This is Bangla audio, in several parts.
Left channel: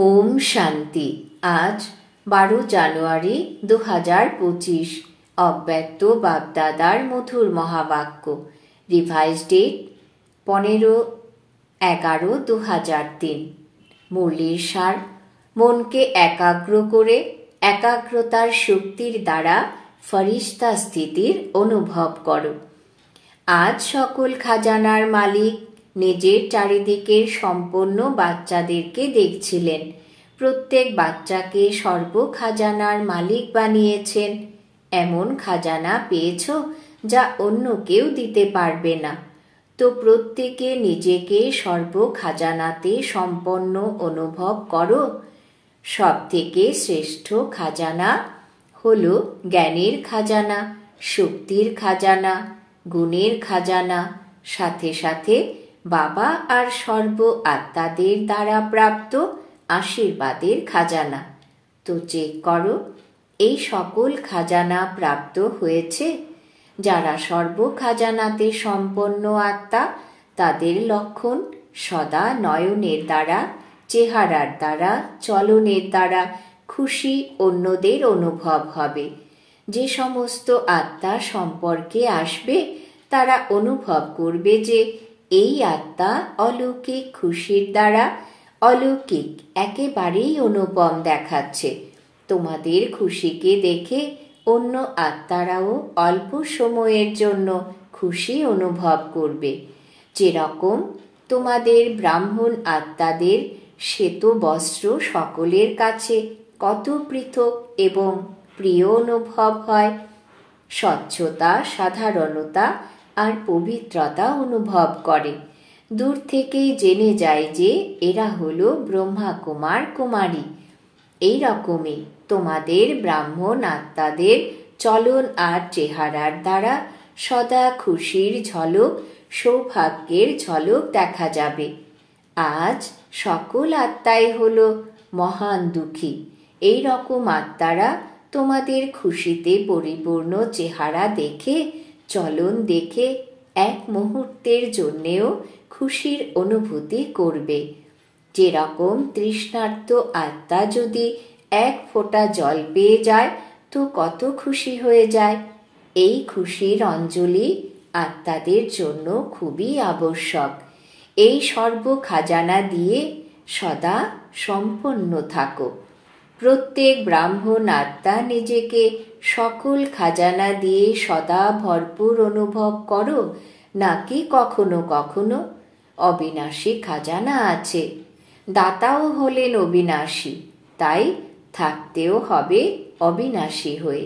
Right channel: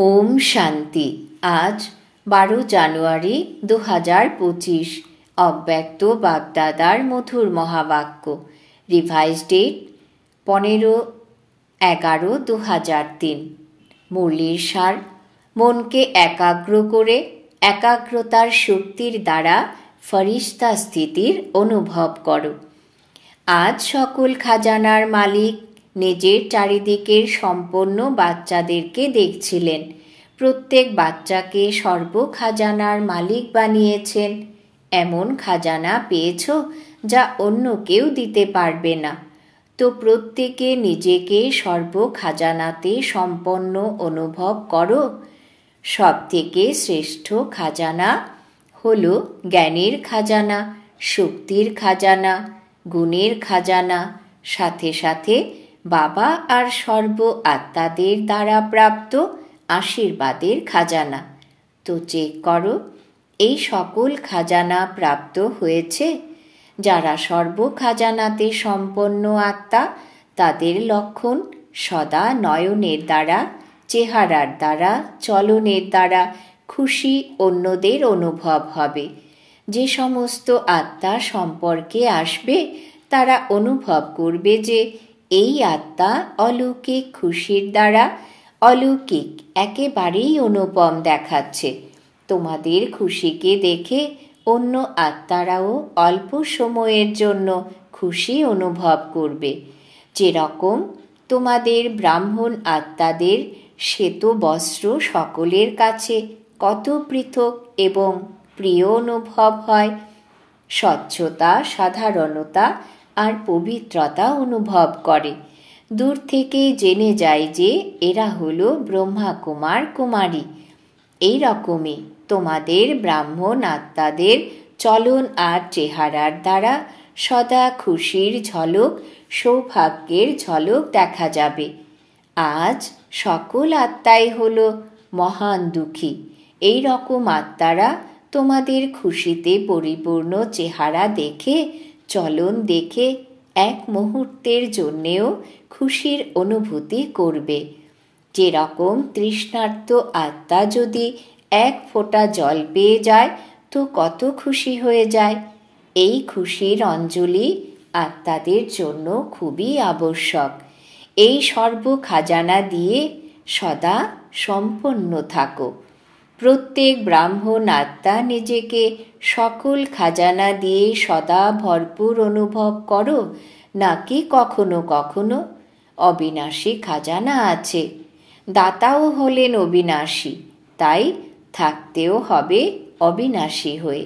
ওম শান্তি। আজ 12 জানুয়ারি 2025। অব্যক্ত বাপদাদার মধুর মহাবাক্য। Revise date 15/11/2003। মুরলির সার: মনকে একাগ্র করে একাগ্রতার শক্তির দ্বারা ফরিস্তা স্থিতির অনুভব করো। আজ সকল খাজানার মালিক নিজের চারিদিকের সম্পন্ন বাচ্চাদেরকে দেখছিলেন। প্রত্যেক বাচ্চাকে সর্ব খাজানার মালিক বানিয়েছেন। এমন খাজানা পেয়েছ যা অন্য কেউ দিতে পারবে না। তো প্রত্যেকে নিজেকে সর্ব খাজানাতে সম্পন্ন অনুভব করো। সব থেকে শ্রেষ্ঠ খাজানা হলো জ্ঞানের খাজানা, শক্তির খাজানা, গুণের খাজানা, সাথে সাথে বাবা আর সর্ব আত্মাদের দ্বারা প্রাপ্ত আশীর্বাদের খাজানা। তো চেক করো, এই সকল খাজানা প্রাপ্ত হয়েছে। যারা সর্ব খাজানাতে সম্পন্ন আত্মা, তাদের লক্ষণ সদা নয়নের দ্বারা, চেহারার দ্বারা, চলনের দ্বারা খুশি অন্যদের অনুভব হবে। যে সমস্ত আত্মা সম্পর্কে আসবে তারা অনুভব করবে যে এই আত্মা অলৌকিক খুশির দ্বারা অলৌকিক একেবারেই অনুপম দেখাচ্ছে। তোমাদের খুশিকে দেখে অন্য আত্মারাও অল্প সময়ের জন্য খুশি অনুভব করবে। যেরকম তোমাদের ব্রাহ্মণ আত্মাদের শ্বেত বস্ত্র সকলের কাছে কত পৃথক এবং প্রিয় অনুভব হয়, স্বচ্ছতা, সাধারণতা আর পবিত্রতা অনুভব করে। দূর থেকেই জেনে যায় যে এরা হলো ব্রহ্মা কুমার কুমারী। এই রকমই তোমাদের ব্রাহ্মণ আত্মাদের চলন আর চেহারার দ্বারা সদা খুশির ঝলক, সৌভাগ্যের ঝলক দেখা যাবে। আজ সকল আত্মাই হলো মহান দুঃখী। এই রকম আত্মারা তোমাদের খুশিতে পরিপূর্ণ চেহারা দেখে, চলন দেখে এক মুহূর্তের জন্যেও খুশির অনুভূতি করবে। যেরকম তৃষ্ণার্ত আত্মা যদি এক ফোঁটা জল পেয়ে যায় তো কত খুশি হয়ে যায়। এই খুশির অঞ্জলি আত্মাদের জন্য খুবই আবশ্যক। এই সর্ব খাজানা দিয়ে সদা সম্পন্ন থাকো। প্রত্যেক ব্রাহ্মণ আত্মা নিজেকে সকল খাজানা দিয়ে সদা ভরপুর অনুভব করো, নাকি কখনো কখনো অবিনাশী খাজানা আছে। দাতাও হলেন অবিনাশী, তাই থাকতেও হবে অবিনাশী হয়ে।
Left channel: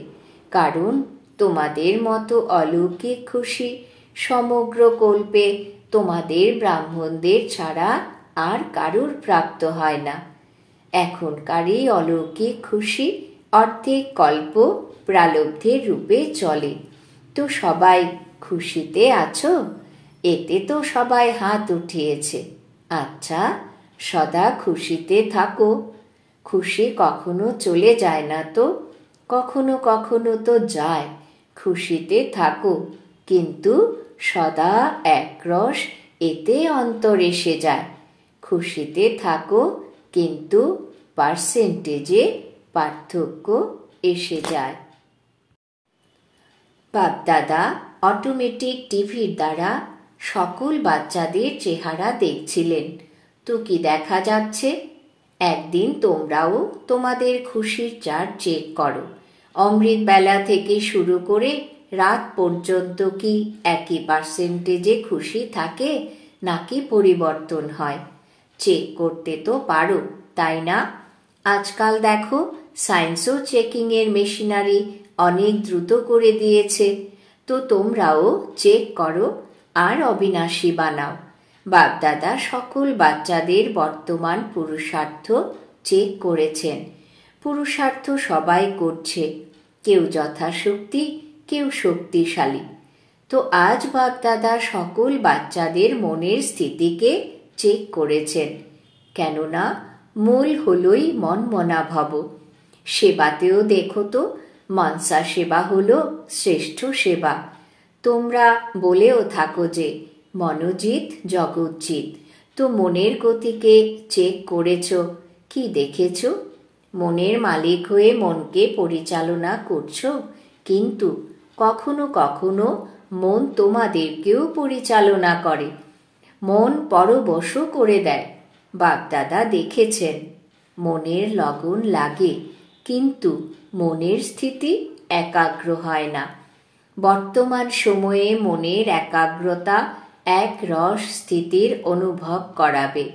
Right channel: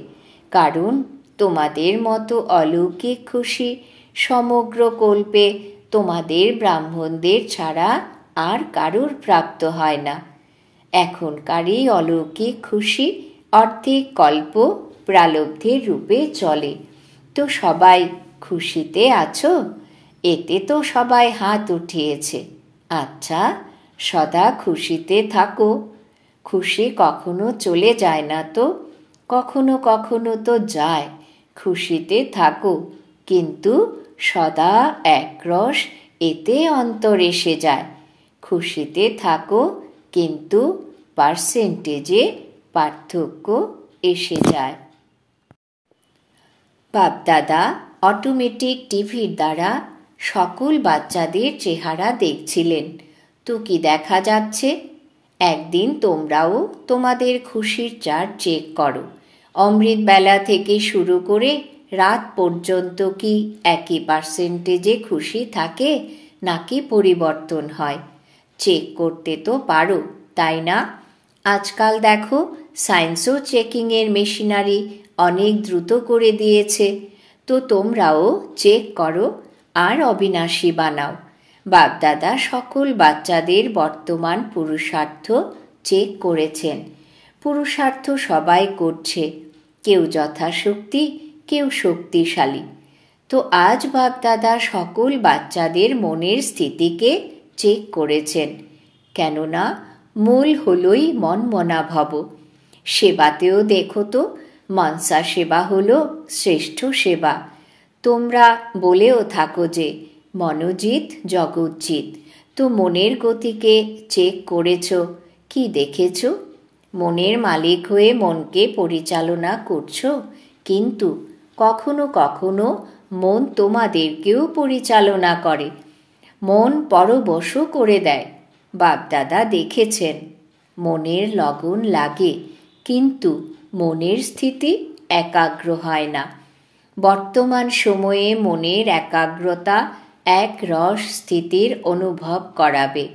কারণ তোমাদের মতো অলৌকিক খুশি সমগ্র কল্পে তোমাদের ব্রাহ্মণদের ছাড়া আর কারুর প্রাপ্ত হয় না। এখনকারই অলৌকিক খুশি অর্ধেক কল্প প্রালব্ধের রূপে চলে। তো সবাই খুশিতে আছো? এতে তো সবাই হাত উঠিয়েছে। আচ্ছা, সদা খুশিতে থাকো। খুশি কখনো চলে যায় না তো? কখনো কখনো তো যায়। খুশিতে থাকো, কিন্তু সদা একরস এতে অন্তর এসে যায়। খুশিতে থাকো, কিন্তু পার্সেন্টেজে পার্থক্য এসে যায়। বাপদাদা অটোমেটিক টিভির দ্বারা সকল বাচ্চাদের চেহারা দেখছিলেন। তো কি দেখা যাচ্ছে? একদিন তোমরাও তোমাদের খুশির চার্ট চেক করো। অমৃত বেলা থেকে শুরু করে রাত পর্যন্ত কি একই পার্সেন্টেজে খুশি থাকে, নাকি পরিবর্তন হয়? চেক করতে তো পারো, তাই না? আজকাল দেখো সায়েন্সও চেকিংয়ের মেশিনারি অনেক দ্রুত করে দিয়েছে। তো তোমরাও চেক করো আর অবিনাশী বানাও। বাপদাদা সকল বাচ্চাদের বর্তমান পুরুষার্থ চেক করেছেন। পুরুষার্থ সবাই করছে, কেউ যথাশক্তি, কেউ শক্তিশালী। তো আজ বাপদাদা সকল বাচ্চাদের মনের স্থিতিকে চেক করেছেন। কেননা মূল হলই মনমনা ভব। সেবাতেও দেখো তো, মনসা সেবা হলো শ্রেষ্ঠ সেবা। তোমরা বলেও থাকো যে মনোজিৎ জগৎজিৎ। তো মনের গতিকে চেক করেছ, কি দেখেছ? মনের মালিক হয়ে মনকে পরিচালনা করছো, কিন্তু কখনো কখনো মন তোমাদেরকেও পরিচালনা করে, মন পরবশ করে দেয়। বাপদাদা দেখেছেন, মনের লগন লাগে, কিন্তু মনের স্থিতি একাগ্র হয় না। বর্তমান সময়ে মনের একাগ্রতা এক রস স্থিতির অনুভব করাবে।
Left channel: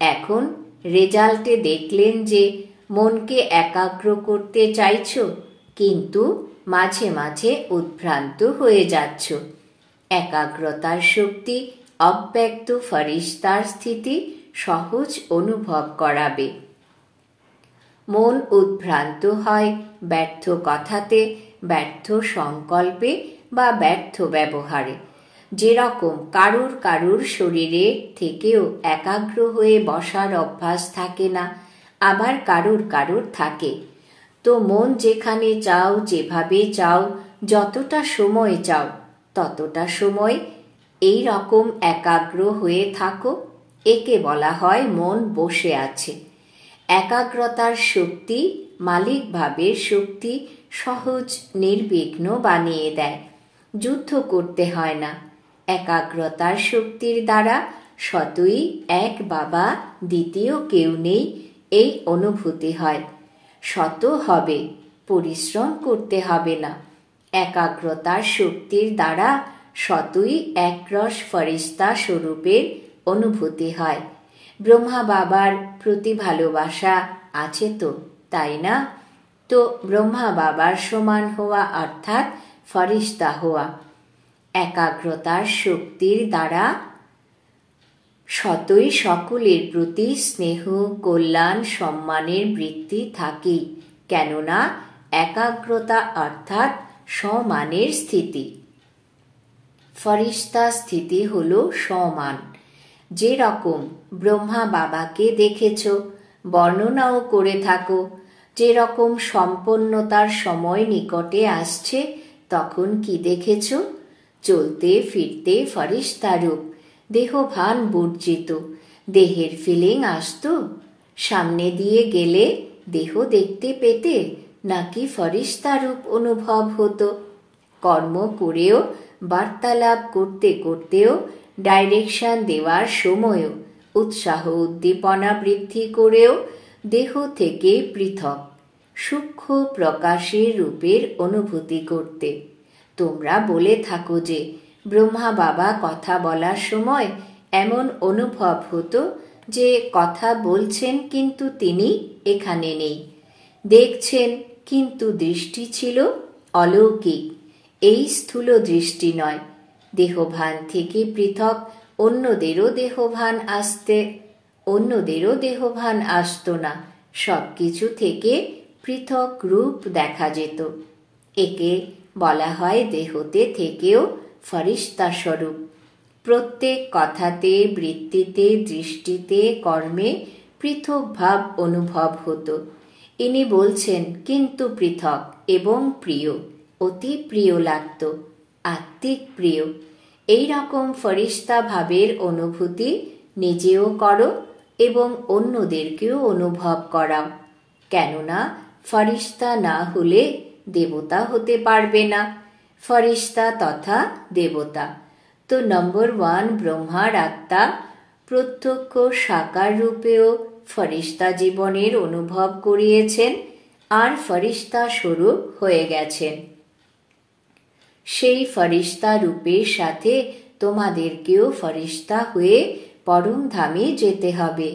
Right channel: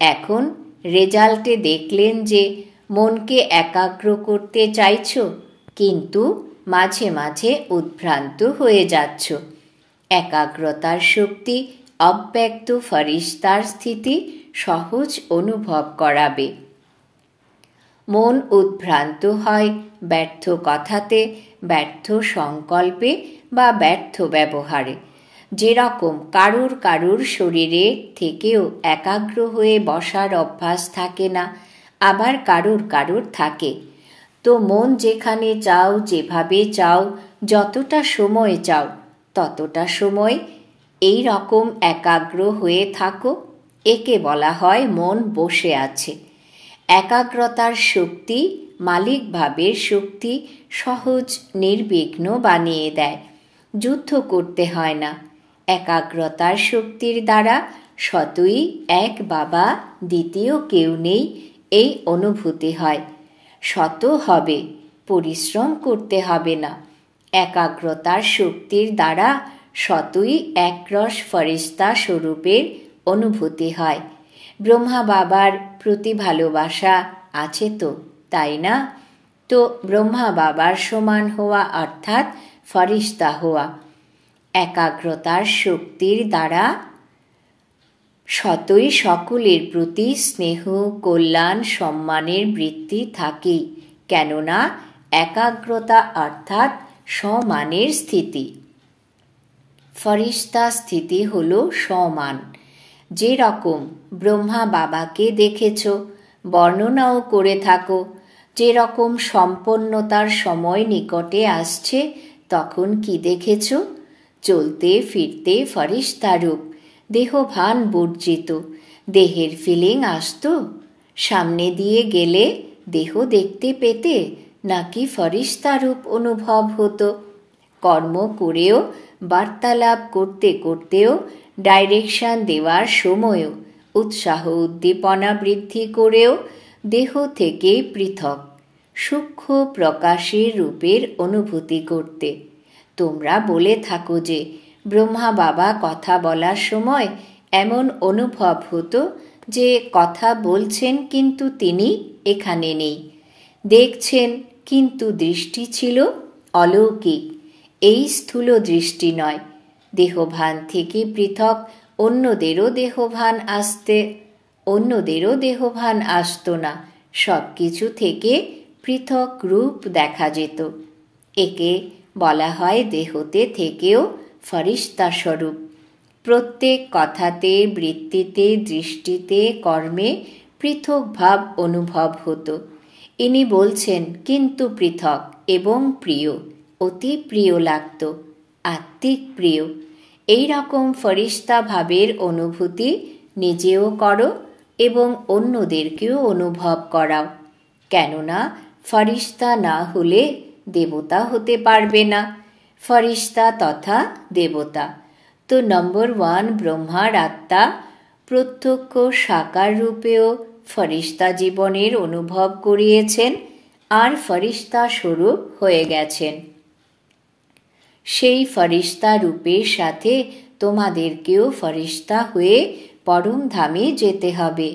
এখন রেজাল্টে দেখলেন যে মনকে একাগ্র করতে চাইছ, কিন্তু মাঝে মাঝে উদ্ভ্রান্ত হয়ে যাচ্ছ। একাগ্রতার শক্তি অব্যক্ত ফরিস্তার স্থিতি সহজ অনুভব করাবে। মন উদ্ভ্রান্ত হয় ব্যর্থ কথাতে, ব্যর্থ সংকল্পে বা ব্যর্থ ব্যবহারে। যেরকম কারুর শরীরে থেকেও একাগ্র হয়ে বসার অভ্যাস থাকে না, আবার কারুর থাকে। তো মন যেখানে চাও, যেভাবে চাও, যতটা সময় চাও, ততটা সময় এই রকম একাগ্র হয়ে থাকো। একে বলা হয় মন বসে আছে। একাগ্রতার শক্তি মালিক ভাবের শক্তি সহজ নির্বিঘ্ন বানিয়ে দেয়। যুদ্ধ করতে হয় না। একাগ্রতার শক্তির দ্বারা সতই এক বাবা, দ্বিতীয় কেউ নেই, এই অনুভূতি হয়। শত হবে, পরিশ্রম করতে হবে না। একাগ্রতার শক্তির দ্বারা সতই একরস ফরিস্তা স্বরূপের অনুভূতি হয়। ব্রহ্মা বাবার প্রতি ভালোবাসা আছে তো, তাই না? তো ব্রহ্মা বাবার সমান হওয়া অর্থাৎ ফরিস্তা হওয়া। একাগ্রতার শক্তির দ্বারা সতই সকলের প্রতি স্নেহ, কল্যাণ, সম্মানের বৃত্তি থাকে, কেননা একাগ্রতা অর্থাৎ সমানের স্থিতি। ফরিস্তা স্থিতি হল সমান। যেরকম ব্রহ্মা বাবাকে দেখেছ, বর্ণনাও করে থাকো, যেরকম সম্পন্নতার সময় নিকটে আসছে, তখন কি দেখেছ? চলতে ফিরতে ফরিস্তারূপ, দেহভান বর্জিত। দেহের ফিলিং আসতো? সামনে দিয়ে গেলে দেহ দেখতে পেতে, নাকি ফরিস্তারূপ অনুভব হতো? কর্ম করেও, বার্তালাপ করতে করতেও, ডাইরেকশন দেওয়ার সময়ও, উৎসাহ উদ্দীপনা বৃদ্ধি করেও দেহ থেকে পৃথক সূক্ষ্ম প্রকাশের রূপের অনুভূতি করতে। তোমরা বলে থাকো যে ব্রহ্মা বাবা কথা বলার সময় এমন অনুভব হতো যে কথা বলছেন, কিন্তু তিনি এখানে নেই। দেখছেন, কিন্তু দৃষ্টি ছিল অলৌকিক। এই স্থূল দৃষ্টি নয়। দেহভান থেকে পৃথক অন্যদেরও দেহভান আসতো না। সবকিছু থেকে পৃথক রূপ দেখা যেত। একে বলা হয় দেহতে থেকেও ফরিস্তা স্বরূপ। প্রত্যেক কথাতে, বৃত্তিতে, দৃষ্টিতে, কর্মে পৃথক ভাব অনুভব হতো। ইনি বলছেন, কিন্তু পৃথক এবং প্রিয়, অতি প্রিয় লাগত, আত্মিক প্রিয়। এই রকম ফরিস্তা ভাবের অনুভূতি নিজেও করো এবং অন্যদেরকেও অনুভব করাও। কেননা ফরিস্তা না হলে দেবতা হতে পারবে না। ফরিস্তা তথা দেবতা। তো নম্বর 1, ব্রহ্মার আত্মা প্রত্যক্ষ সাকার রূপেও ফরিস্তা জীবনের অনুভব করিয়েছেন আর ফরিস্তা স্বরূপ হয়ে গেছেন। সেই ফরিস্তা রূপের সাথে তোমাদেরকেও ফরিস্তা হয়ে পরম ধামে যেতে হবে।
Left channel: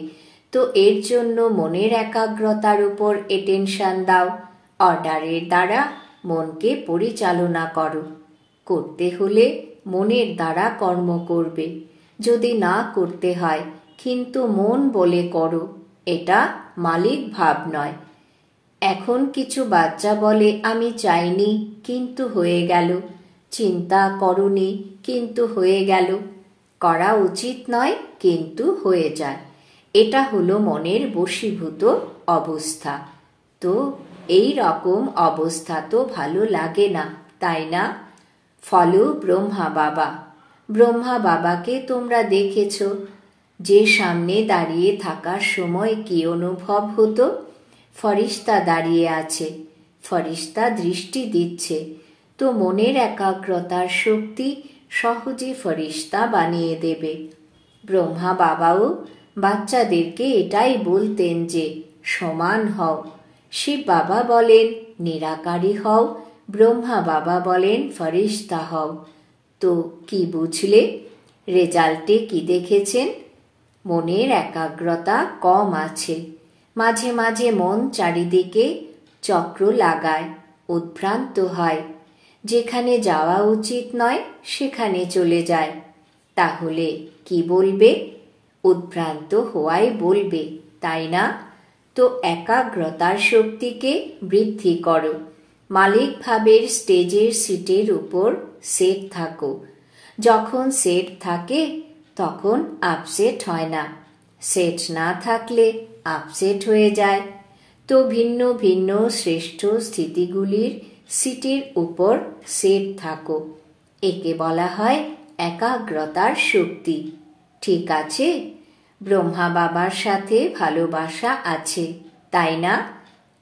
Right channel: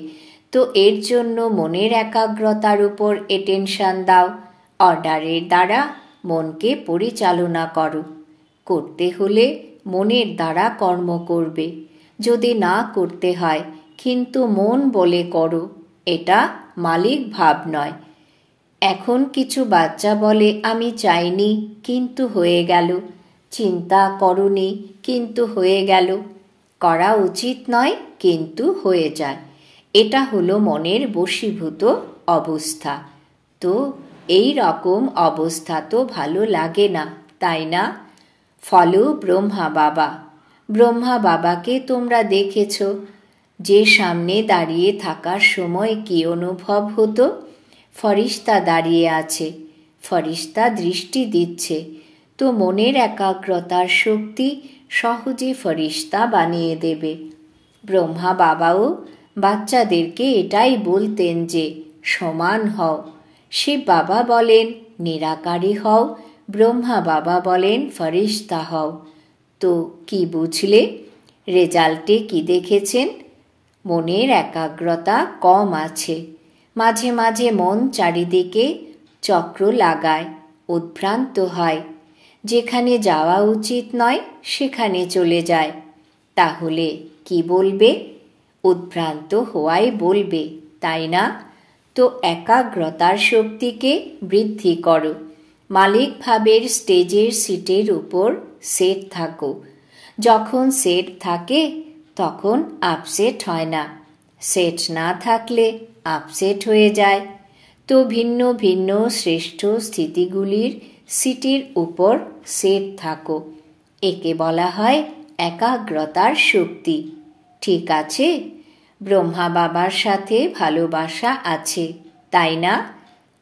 তো এর জন্য মনের একাগ্রতার উপর অ্যাটেনশন দাও। অর্ডারের দ্বারা মনকে পরিচালনা করো। করতে হলে মনের দ্বারা কর্ম করবে। যদি না করতে হয়, কিন্তু মন বলে করো, এটা মালিক ভাব নয়। এখন কিছু বাচ্চা বলে, আমি চাইনি কিন্তু হয়ে গেল, চিন্তা করনি কিন্তু হয়ে গেল, করা উচিত নয় কিন্তু হয়ে যায়। এটা হলো মনের বশীভূত অবস্থা। তো এই রকম অবস্থা তো ভালো লাগে না, তাই না? ফলো ব্রহ্মা বাবা। ব্রহ্মা বাবাকে তোমরা দেখেছ, যে সামনে দাঁড়িয়ে থাকার সময় কি অনুভব হতো? ফরিস্তা দাঁড়িয়ে আছে, ফরিস্তা দৃষ্টি দিচ্ছে। তো মনের একাগ্রতার শক্তি সহজে ফরিস্তা বানিয়ে দেবে। ব্রহ্মা বাবাও বাচ্চাদেরকে এটাই বলতেন যে সমান হও। শিব বাবা বলেন নিরাকারী হও, ব্রহ্মা বাবা বলেন ফরিস্তা হও। তো কি বুঝলে? রেজাল্টে কি দেখেছেন? মনের একাগ্রতা কম আছে। মাঝে মাঝে মন চারিদিকে চক্র লাগায়, উদ্ভ্রান্ত হয়। যেখানে যাওয়া উচিত নয় সেখানে চলে যায়। তাহলে কি বলবে? উদ্ভ্রান্ত হওয়াই বলবে, তাই না? তো একাগ্রতার শক্তিকে বৃদ্ধি করো। মালিক ভাবের স্টেজের সিটের উপর সেট থাকো। যখন সেট থাকে তখন আপসেট হয় না, সেট না থাকলে আপসেট হয়ে যায়। তো ভিন্ন ভিন্ন শ্রেষ্ঠ স্থিতিগুলির সিটের উপর সেট থাকো। একে বলা হয় একাগ্রতার শক্তি। ঠিক আছে? ব্রহ্মা বাবার সাথে ভালোবাসা আছে, তাই না?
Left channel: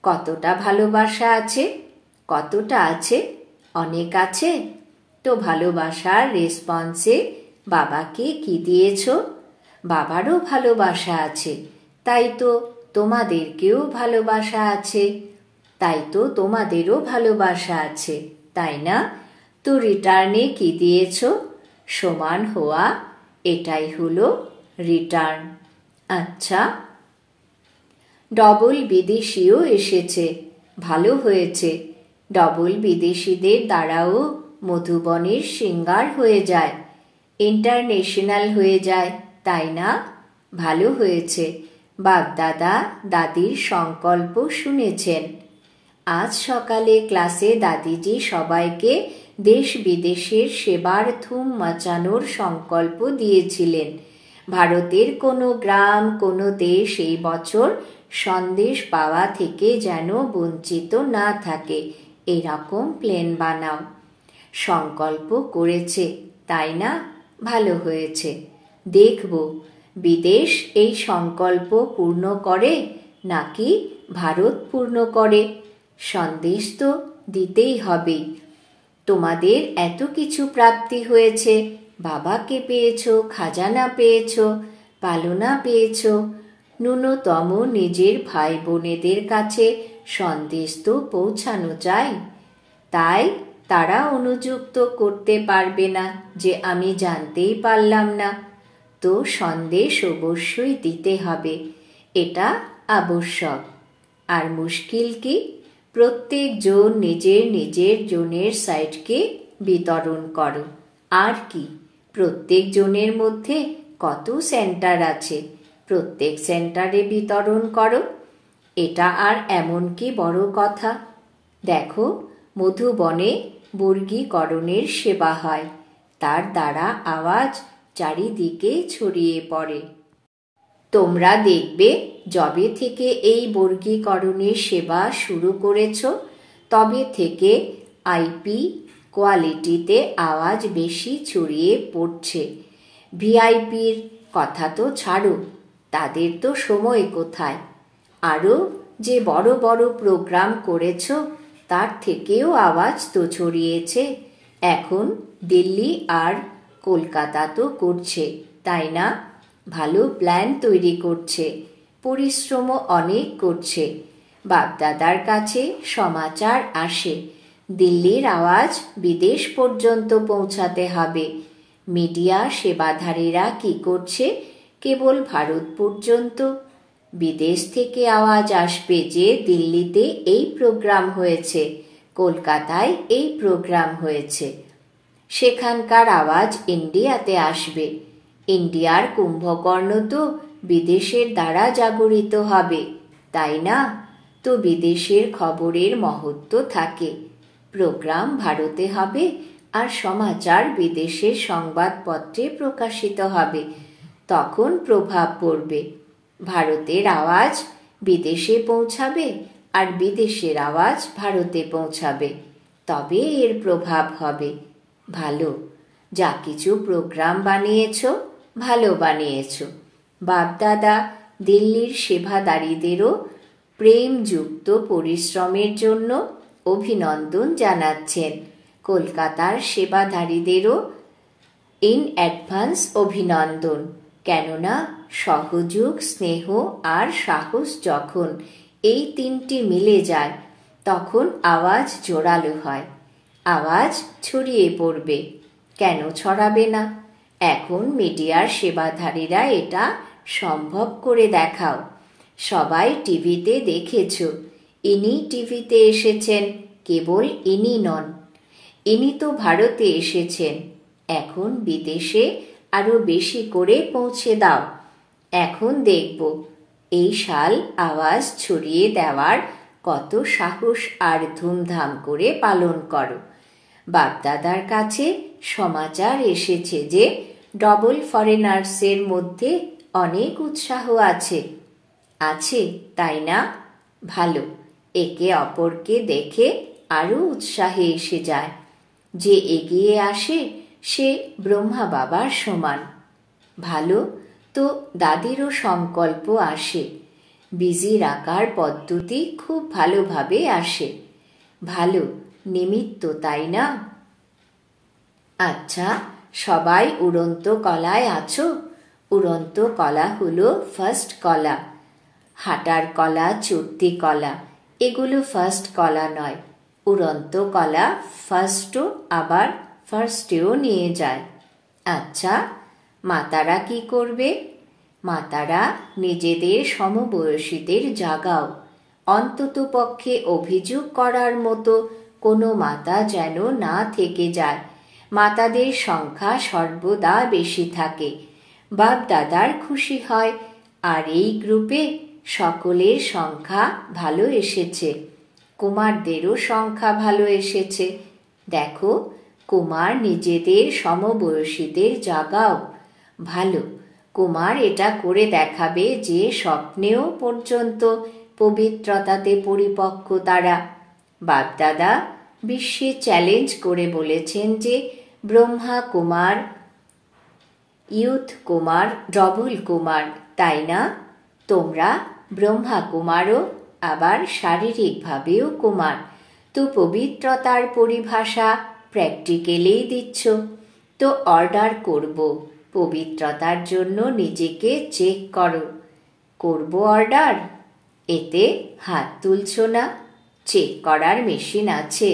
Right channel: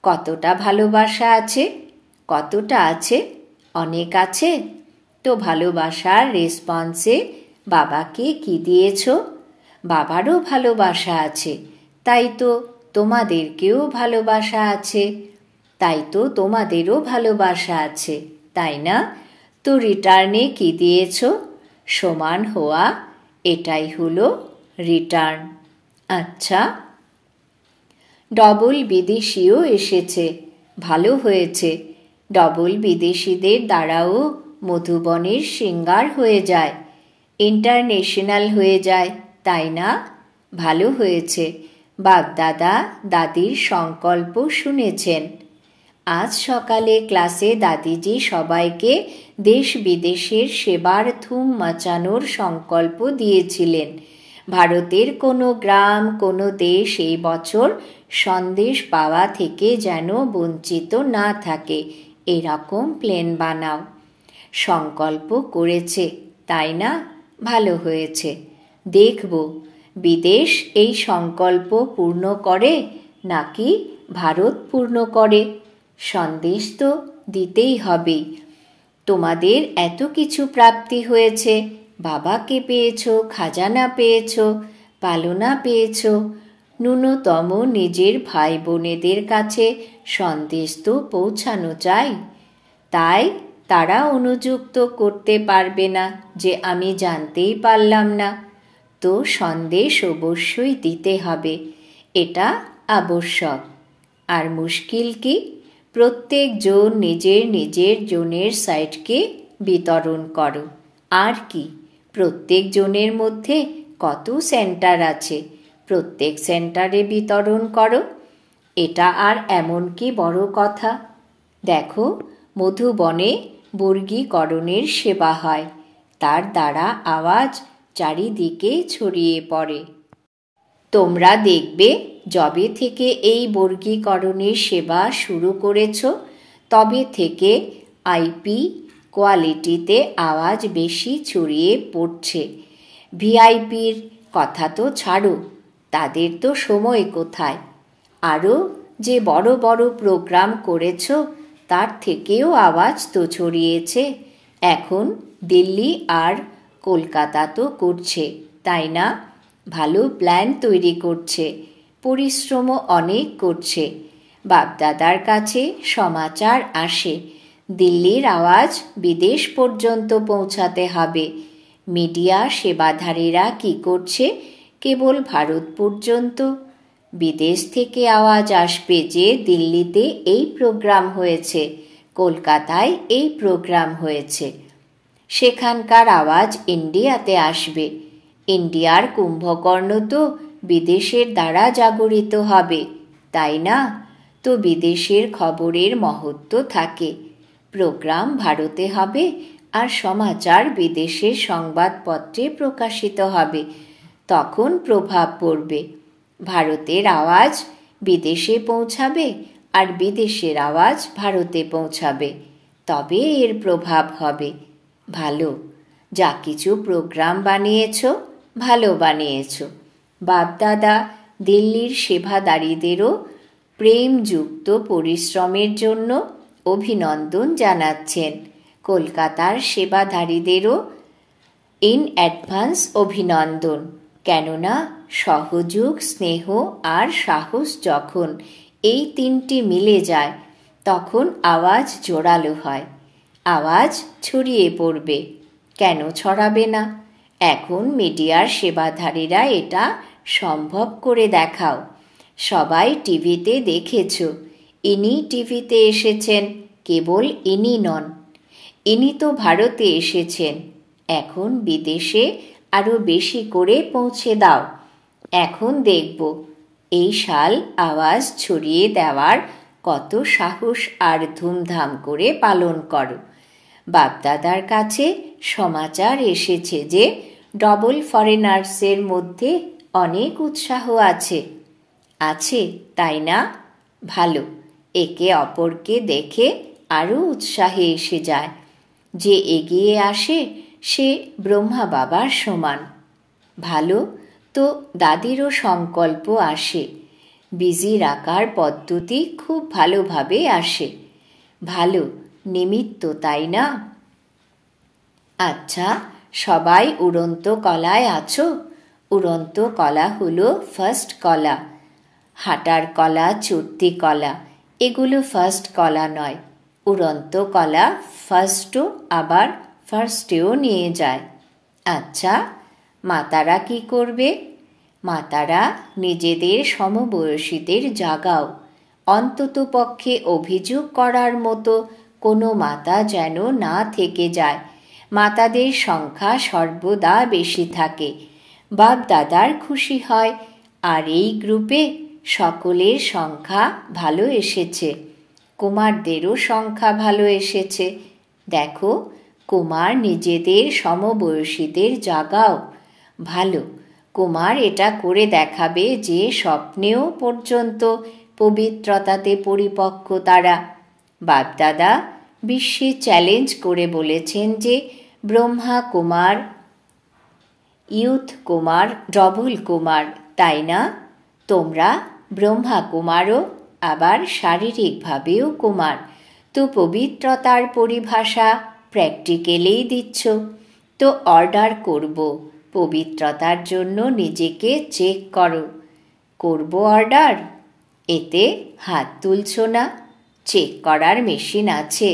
কতটা ভালোবাসা আছে? কতটা আছে? অনেক আছে। তো ভালোবাসার রেসপন্সে বাবাকে কি দিয়েছ? বাবারও ভালোবাসা আছে, তাই তো তোমাদেরকেও ভালোবাসা আছে। তাই তো তোমাদেরও ভালোবাসা আছে, তাই না? তো রিটার্নে কি দিয়েছ? সমান হওয়া, এটাই হলো রিটার্ন। আচ্ছা, ডবল বিদেশিও এসেছে, ভালো হয়েছে। ডবল বিদেশিদের দ্বারাও মধুবনের সিঙ্গার হয়ে যায়, ইন্টারন্যাশনাল হয়ে যায়, তাই না? ভালো হয়েছে। বাপ-দাদা দাদির সংকল্প শুনেছেন। আজ সকালে ক্লাসে দাদিজি সবাইকে দেশ বিদেশের সেবার ধুম মাচানোর সংকল্প দিয়েছিলেন। ভারতের কোনো গ্রাম, কোনো দেশ এই বছর সন্দেশ পাওয়া থেকে যেন বঞ্চিত না থাকে, এরকম প্ল্যান বানাও। সংকল্প করেছে, তাই না? ভালো হয়েছে। দেখব বিদেশ এই সংকল্প পূর্ণ করে নাকি ভারত পূর্ণ করে। সন্দেশ তো দিতেই হবে। তোমাদের এত কিছু প্রাপ্তি হয়েছে, বাবাকে পেয়েছ, খাজানা পেয়েছ, পালনা পেয়েছ। ন্যূনতম নিজের ভাই বোনেদের কাছে সন্দেশ তো পৌঁছানো চাই। তাই তারা অনুযুক্ত করতে পারবে না যে আমি জানতেই পারলাম না। তো সন্দেশ অবশ্যই দিতে হবে, এটা আবশ্যক। আর মুশকিল কি? প্রত্যেক জন নিজের নিজের জনের সাইটকে বিতরণ করো। আর কি? প্রত্যেক জনের মধ্যে কত সেন্টার আছে, প্রত্যেক সেন্টারে বিতরণ করো। এটা আর এমন কি বড় কথা? দেখো, মধুবনে বর্গীকরণের সেবা হয়, তার দ্বারা আওয়াজ চারিদিকে ছড়িয়ে পড়ে। তোমরা দেখবে যবে থেকে এই বর্গীকরণের সেবা শুরু করেছ তবে থেকে আইপি কোয়ালিটিতে আওয়াজ বেশি ছড়িয়ে পড়ছে। ভিআইপির কথা তো ছাড়ো, তাদের তো সময় কোথায়। আরও যে বড় বড় প্রোগ্রাম করেছ তার থেকেও আওয়াজ তো ছড়িয়েছে। এখন দিল্লি আর কলকাতা তো করছে, তাই না? ভালো প্ল্যান তৈরি করছে, পরিশ্রমও অনেক করছে। বাপদাদার কাছে সমাচার আসে, দিল্লির আওয়াজ বিদেশ পর্যন্ত পৌঁছাতে হবে। মিডিয়া সেবাধারীরা কি করছে? কেবল ভারত পর্যন্ত। বিদেশ থেকে আওয়াজ আসবে যে দিল্লিতে এই প্রোগ্রাম হয়েছে, কলকাতায় এই প্রোগ্রাম হয়েছে। সেখানকার আওয়াজ ইন্ডিয়াতে আসবে। ইন্ডিয়ার কুম্ভকর্ণ তো বিদেশের দ্বারা জাগরিত হবে, তাই না? তো বিদেশের খবরের মহত্ব থাকে। প্রোগ্রাম ভারতে হবে আর সমাচার বিদেশের সংবাদপত্রে প্রকাশিত হবে, তখন প্রভাব পড়বে। ভারতের আওয়াজ বিদেশে পৌঁছাবে আর বিদেশের আওয়াজ ভারতে পৌঁছাবে, তবে এর প্রভাব হবে। ভালো, যা কিছু প্রোগ্রাম বানিয়েছ ভালো বানিয়েছ। বাপদাদা দিল্লির সেবাদারীদেরও প্রেমযুক্ত পরিশ্রমের জন্য অভিনন্দন জানাচ্ছেন। কলকাতার সেবাধারীদেরও ইন অ্যাডভান্স অভিনন্দন। কেননা সহযোগ, স্নেহ আর সাহস যখন এই তিনটি মিলে যায় তখন আওয়াজ জোরালো হয়, আওয়াজ ছড়িয়ে পড়বে। কেন ছড়াবে না? এখন মিডিয়ার সেবাধারীরা এটা সম্ভব করে দেখাও। সবাই টিভিতে দেখেছ, ইনি টিভিতে এসেছেন। কেবল ইনি নন, ইনি তো ভারতে এসেছেন। এখন বিদেশে আরো বেশি করে পৌঁছে দাও। এখন দেখব এই সাল আওয়াজ ছড়িয়ে দেওয়ার কত সাহস আর ধুমধাম করে পালন করো। বাপদাদার কাছে সমাচার এসেছে যে ডবল ফরেনার্সের মধ্যে অনেক উৎসাহ আছে। আছে, তাই না? ভালো। একে অপরকে দেখে আরো উৎসাহে এসে যায়। যে এগিয়ে আসে সে ব্রহ্মা বাবার সমান। ভালো তো, দাদিরও সংকল্প আসে। বিজি রাখার পদ্ধতি খুব ভালোভাবে আসে। ভালো নিমিত্ত, তাই না? আচ্ছা, সবাই উড়ন্ত কলায় আছো? উড়ন্ত কলা হলো ফার্স্ট কলা। হাঁটার কলা, চড়তি কলা এগুলো ফার্স্ট কলা নয়। উড়ন্ত কলা ফার্স্টও আবার ফার্স্টেও নিয়ে যায়। আচ্ছা, মাতারা কি করবে? মাতারা নিজেদের সমবয়সীদের জাগাও। অন্তত পক্ষে অভিযোগ করার মতো কোনো মাতা যেন না থেকে যায়। মাতাদের সংখ্যা সর্বদা বেশি থাকে। বাপ দাদার খুশি হয়। আর এই গ্রুপে সকলের সংখ্যা ভালো এসেছে। কুমারদেরও সংখ্যা ভালো এসেছে। দেখো, কুমার নিজেদের সমবয়সীদের জাগাও। ভালো, কুমার এটা করে দেখাবে যে স্বপ্নেও পর্যন্ত পবিত্রতাতে পরিপক্ক তারা। বাপদাদা বিশ্বে চ্যালেঞ্জ করে বলেছেন যে ব্রহ্মা কুমার, ইয়ুথ কুমার, ডবল কুমার, তাই না? তোমরা ব্রহ্মা কুমারও আবার শারীরিকভাবেও কুমার। তো পবিত্রতার পরিভাষা প্র্যাকটিক্যালেই দিচ্ছ। তো অর্ডার করব, পবিত্রতার জন্য নিজেকে চেক করো। করব অর্ডার? এতে হাত তুলছ না? চেক করার মেশিন আছে।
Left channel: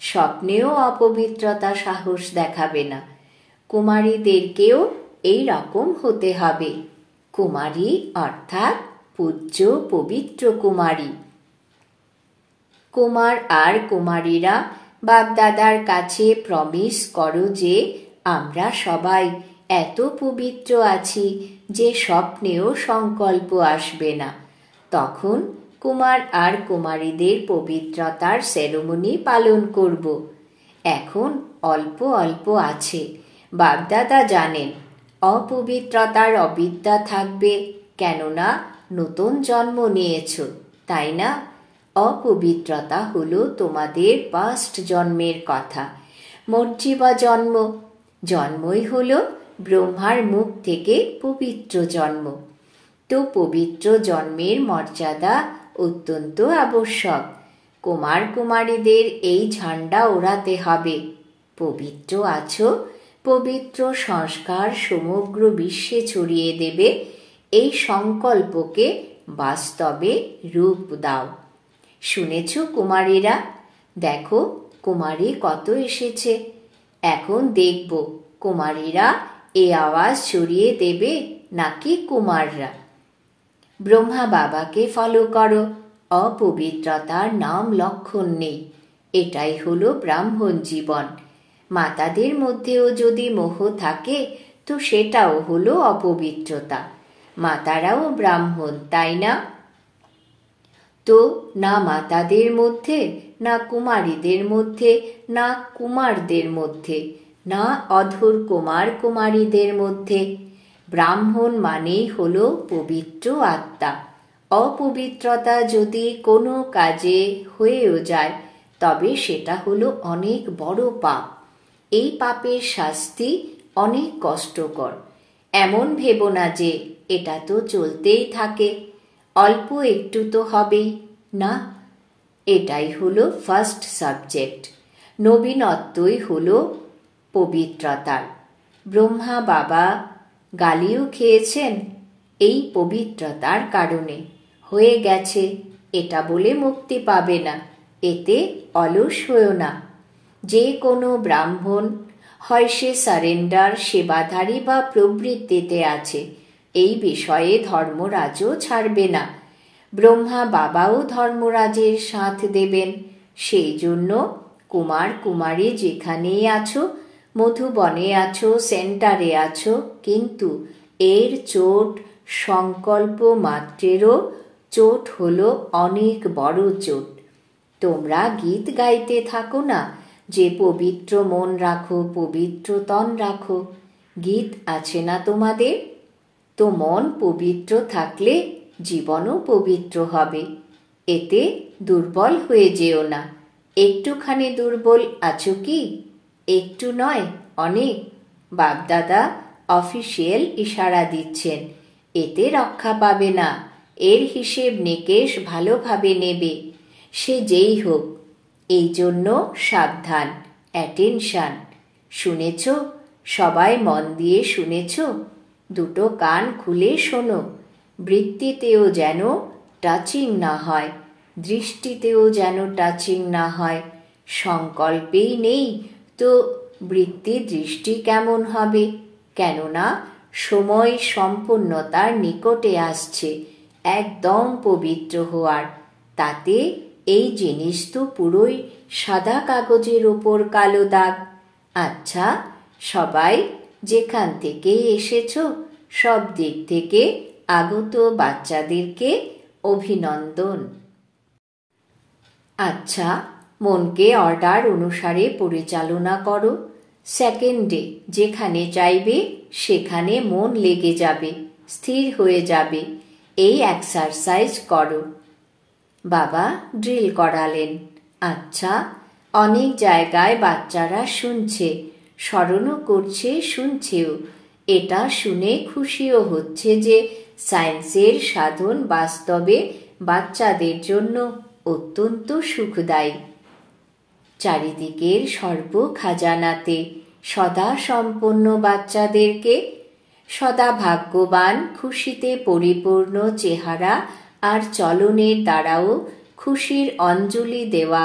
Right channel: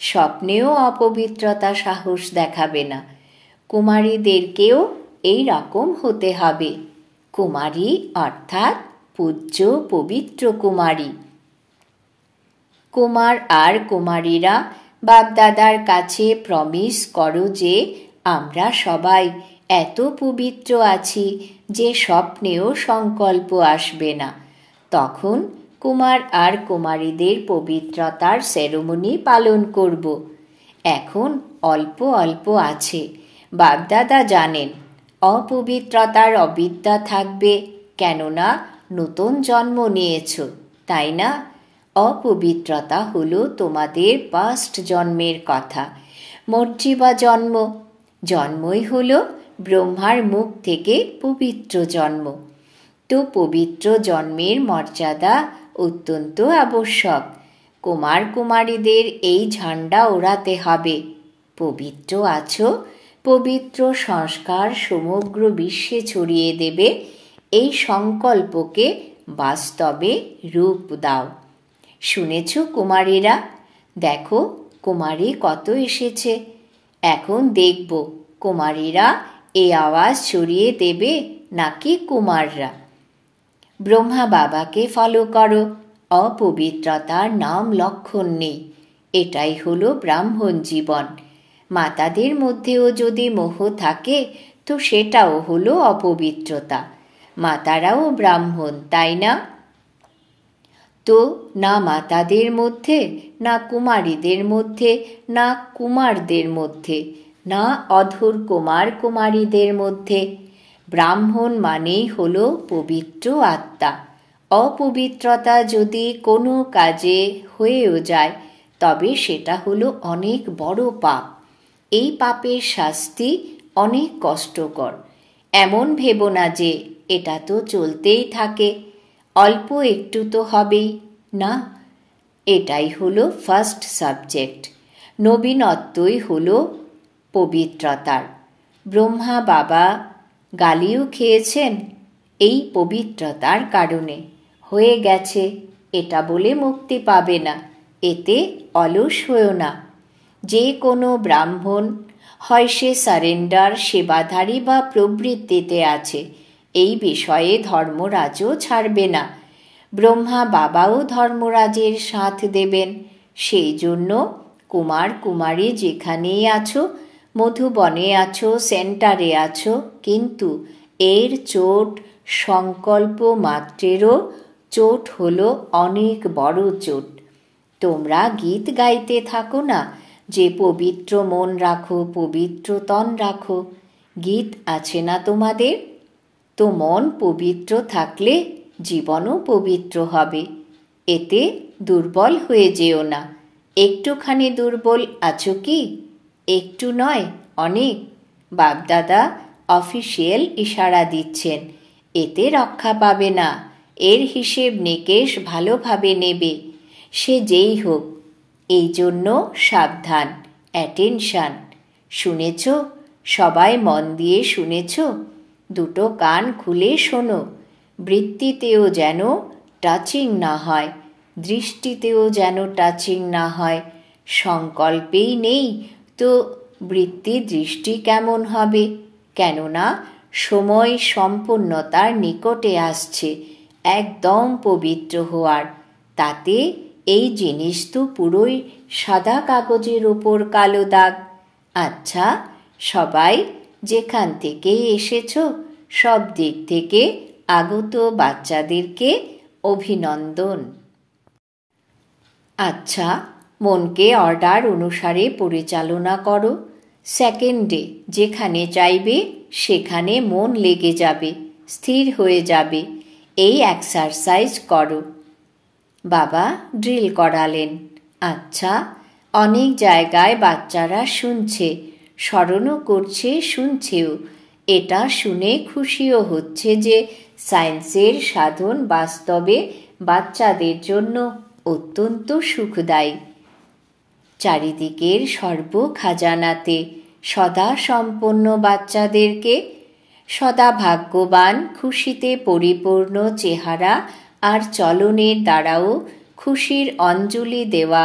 স্বপ্নেও অপবিত্রতা সাহস দেখাবে না। কুমারীদেরকেও এই রকম হতে হবে। কুমারী অর্থাৎ পূজ্য পবিত্র কুমারী। কুমার আর কুমারীরা বাপদাদার কাছে প্রমিস করো যে আমরা সবাই এত পবিত্র আছি যে স্বপ্নেও সংকল্প আসবে না। তখন কুমার আর কুমারীদের পবিত্রতার সেরেমনি পালন করব। এখন অল্প অল্প আছে। বাপদাদা জানেন অপবিত্রতার অবিদ্যা থাকবে, কেননা নতুন জন্ম নিয়েছ, তাই না? অপবিত্রতা হলো তোমাদের পাস্ট জন্মের কথা। মর্জিবা জন্ম, জন্মই হলো ব্রহ্মার মুখ থেকে পবিত্র জন্ম। তো পবিত্র জন্মের মর্যাদা অত্যন্ত আবশ্যক। কুমার কুমারীদের এই ঝান্ডা ওড়াতে হবে। পবিত্র আছো, পবিত্র সংস্কার সমগ্র বিশ্বে ছড়িয়ে দেবে। এই সংকল্পকে বাস্তবে রূপ দাও। শুনেছ কুমারীরা? দেখো কুমারী কত এসেছে। এখন দেখব কুমারীরা এই আওয়াজ ছড়িয়ে দেবে নাকি কুমাররা। ব্রহ্মা বাবাকে ফলো করো। অপবিত্রতার নাম লক্ষণ নেই। এটাই হলো ব্রাহ্মণ জীবন। মাতাদের মধ্যেও যদি মোহ থাকে তো সেটাও হলো অপবিত্রতা। মাতারাও ব্রাহ্মণ, তাই না? তো না মাতাদের মধ্যে, না কুমারীদের মধ্যে, না কুমারদের মধ্যে, না অধর কুমার কুমারীদের মধ্যে। ব্রাহ্মণ মানেই হলো পবিত্র আত্মা। অপবিত্রতা যদি কোনো কাজে হয়েও যায় তবে সেটা হলো অনেক বড় পাপ। এই পাপের শাস্তি অনেক কষ্টকর। এমন ভেবো না যে এটা তো চলতেই থাকে, অল্প একটু তো হবেই না? এটাই হলো ফার্স্ট সাবজেক্ট। নবীনত্বই হলো পবিত্রতার। ব্রহ্মা বাবা গালিও খেয়েছেন এই পবিত্রতার কারণে। হয়ে গেছে এটা বলে মুক্তি পাবে না, এতে অলস হয়েও না। যে কোনো ব্রাহ্মণ হয় সে সারেন্ডার, সেবাধারী বা প্রবৃত্তিতে আছে, এই বিষয়ে ধর্মরাজও ছাড়বে না। ব্রহ্মা বাবাও ধর্মরাজের সাথ দেবেন। সেই জন্য কুমার কুমারী যেখানেই আছো, মধুবনে আছো, সেন্টারে আছো, কিন্তু এর চোট সংকল্প মাত্রেরও চোট হলো অনেক বড় চোট। তোমরা গীত গাইতে থাকো না যে পবিত্র মন রাখো, পবিত্র তন রাখো, গীত আছে না তোমাদের? তো মন পবিত্র থাকলে জীবনও পবিত্র হবে। এতে দুর্বল হয়ে যেও না। একটুখানি দুর্বল আছো কি? একটু নয়, অনেক। বাপদাদা অফিসিয়াল ইশারা দিচ্ছেন, এতে রক্ষা পাবে না। এর হিসেব নিকেশ ভালোভাবে নেবে, সে যেই হোক। এই জন্য সাবধান, অ্যাটেনশন। শুনেছ? সবাই মন দিয়ে শুনেছ? দুটো কান খুলে শোনো। বৃত্তিতেও যেন টাচিং না হয়, দৃষ্টিতেও যেন টাচিং না হয়। সংকল্পেই নেই তো বৃত্তি দৃষ্টি কেমন হবে? কেননা সময় সম্পূর্ণতার নিকটে আসছে, একদম পবিত্র হওয়ার। তাতে এই জিনিস তো পুরোই সাদা কাগজের ওপর কালো দাগ। আচ্ছা, সবাই যেখান থেকে এসেছো, সব দিক থেকে আগত বাচ্চাদেরকে অভিনন্দন। আচ্ছা, মনকে অর্ডার অনুসারে পরিচালনা করো। সেকেন্ডে যেখানে চাইবে সেখানে মন লেগে যাবে, স্থির হয়ে যাবে। এই এক্সারসাইজ করো। বাবা ড্রিল করালেন। আচ্ছা, অনেক জায়গায় বাচ্চারা শুনছে, স্মরণও করছে, শুনছেও। এটা শুনে খুশিও হচ্ছে যে সায়েন্সের সাধন বাস্তবে বাচ্চাদের জন্য অত্যন্ত সুখদায়ী। চারিদিকের সর্ব খাজানাতে সদা সম্পন্ন বাচ্চাদেরকে সদা ভাগ্যবান, খুশিতে পরিপূর্ণ চেহারা আর চলনের দ্বারাও খুশির অঞ্জলি দেওয়া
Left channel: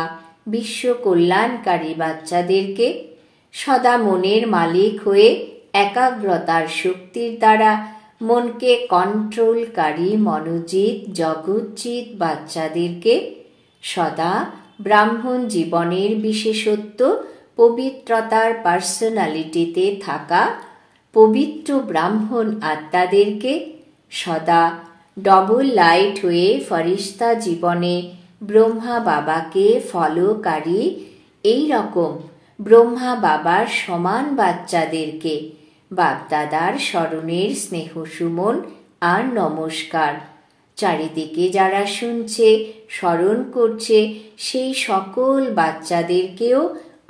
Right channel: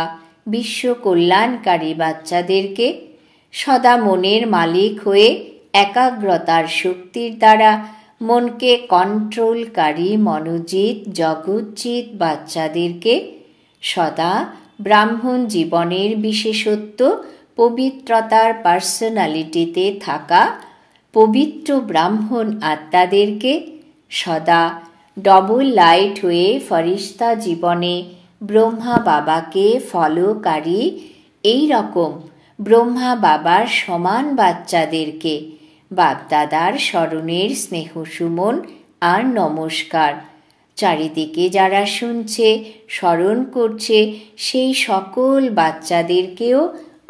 বিশ্ব কল্যাণকারী বাচ্চাদেরকে সদা মনের মালিক হয়ে একাগ্রতার শক্তির দ্বারা মনকে কন্ট্রোলকারী মনোজিৎ জগৎজিৎ বাচ্চাদেরকে সদা ব্রাহ্মণ জীবনের বিশেষত্ব পবিত্রতার পার্সোনালিটিতে থাকা পবিত্র ব্রাহ্মণ আত্মাদেরকে সদা ডবল লাইট হয়ে ফরিস্তা জীবনে ব্রহ্মা বাবাকে ফলোকারী এই রকম ব্রহ্মা বাবার সমান বাচ্চাদেরকে বাপদাদার স্মরণের স্নেহ সুমন আর নমস্কার। চারিদিকে যারা শুনছে, স্মরণ করছে, সেই সকল বাচ্চাদেরকেও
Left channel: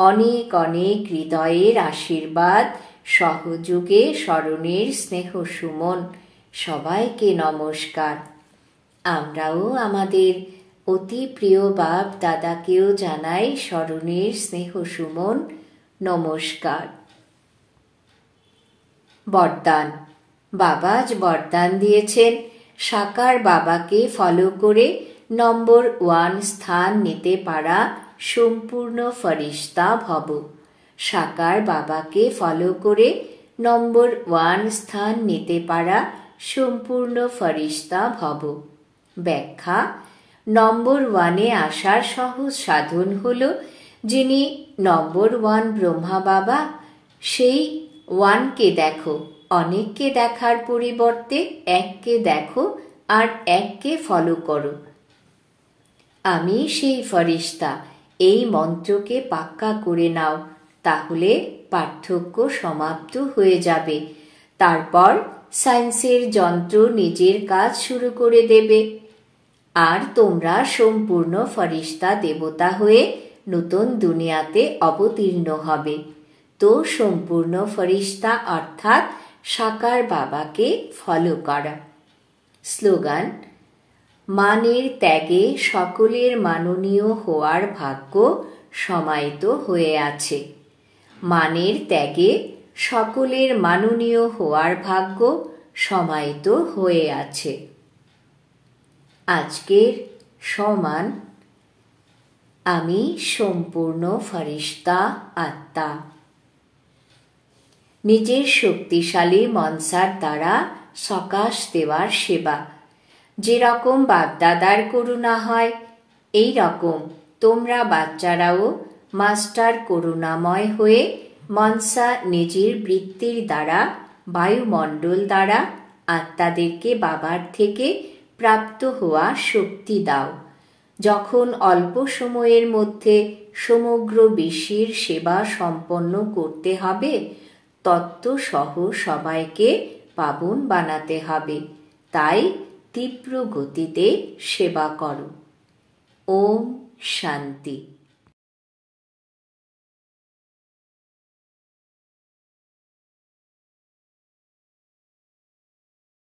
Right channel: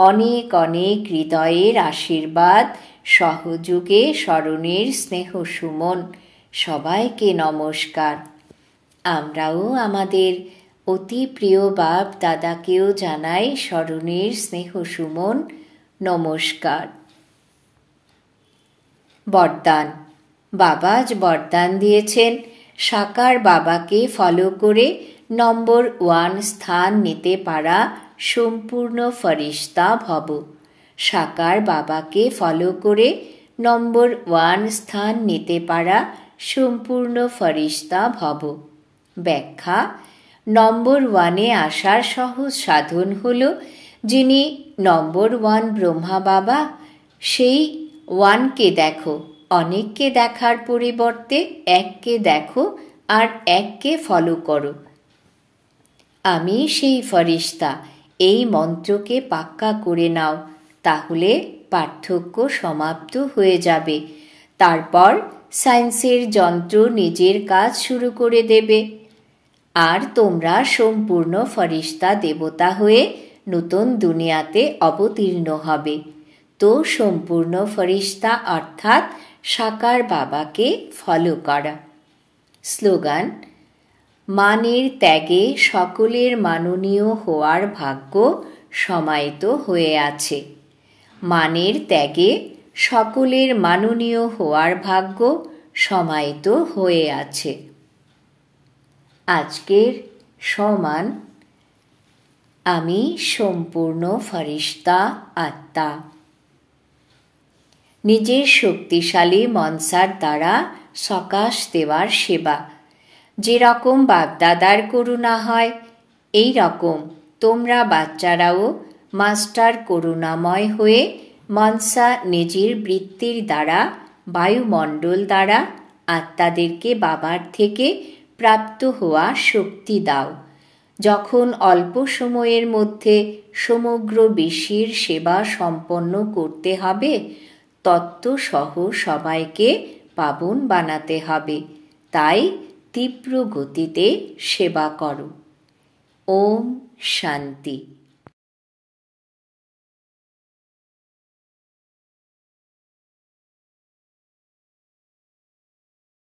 অনেক অনেক হৃদয়ের আশীর্বাদ, সহযোগে স্মরণের স্নেহ সুমন। সবাইকে নমস্কার। আমরাও আমাদের অতি প্রিয় বাপ দাদাকেও জানাই স্মরণের স্নেহ সুমন, নমস্কার। বরদান। বাবা আজ বরদান দিয়েছেন, সাকার বাবাকে ফলো করে নম্বর 1 স্থান নিতে পারা সম্পূর্ণ ফরিস্তা ভব। সাকার বাবাকে ফলো করে নম্বর 1 স্থান নিতে পারা সম্পূর্ণ ফরিস্তা ভব। ব্যাখ্যা: নম্বর 1-এ আসার সহজ সাধন হল, যিনি নম্বর 1 ব্রহ্মা বাবা, সেই 1কে দেখো। অনেককে দেখার পরিবর্তে এককে দেখো আর এককে ফলো করো। আমি সেই ফরিস্তা, এই মন্ত্রকে পাক্কা করে নাও, তাহলে পার্থক্য সমাপ্ত হয়ে যাবে। তারপর সায়েন্সের যন্ত্র নিজের কাজ শুরু করে দেবে আর তোমরা সম্পূর্ণ ফরিস্তা দেবতা হয়ে নতুন দুনিয়াতে অবতীর্ণ হবে। তো সম্পূর্ণ ফরিস্তা অর্থাৎ সাকার বাবাকে ফলো করা। স্লোগান: মানের ত্যাগে সকলের মাননীয় হওয়ার ভাগ্য সমাহিত হয়ে আছে। মানের ত্যাগে সকলের মাননীয় হওয়ার ভাগ্য সমাহিত হয়ে আছে। আজকের সম্মান: আমি সম্পূর্ণ ফরিস্তা আত্মা। নিজের শক্তিশালী মনসার দ্বারা সকাশ দেওয়ার সেবা। যেরকম বাপদাদার করুণা হয়, এই রকম তোমরা বাচ্চারাও মাস্টার করুণাময় হয়ে মনসা নিজের বৃত্তির দ্বারা বায়ুমণ্ডল দ্বারা আত্মাদেরকে বাবার থেকে প্রাপ্ত হওয়া শক্তি দাও। যখন অল্প সময়ের মধ্যে সমগ্র বিশ্বের সেবা সম্পন্ন করতে হবে, তত্ত্বসহ সবাইকে পাবন বানাতে হবে। তাই তীব্র গতিতে সেবা করো। ওম শান্তি।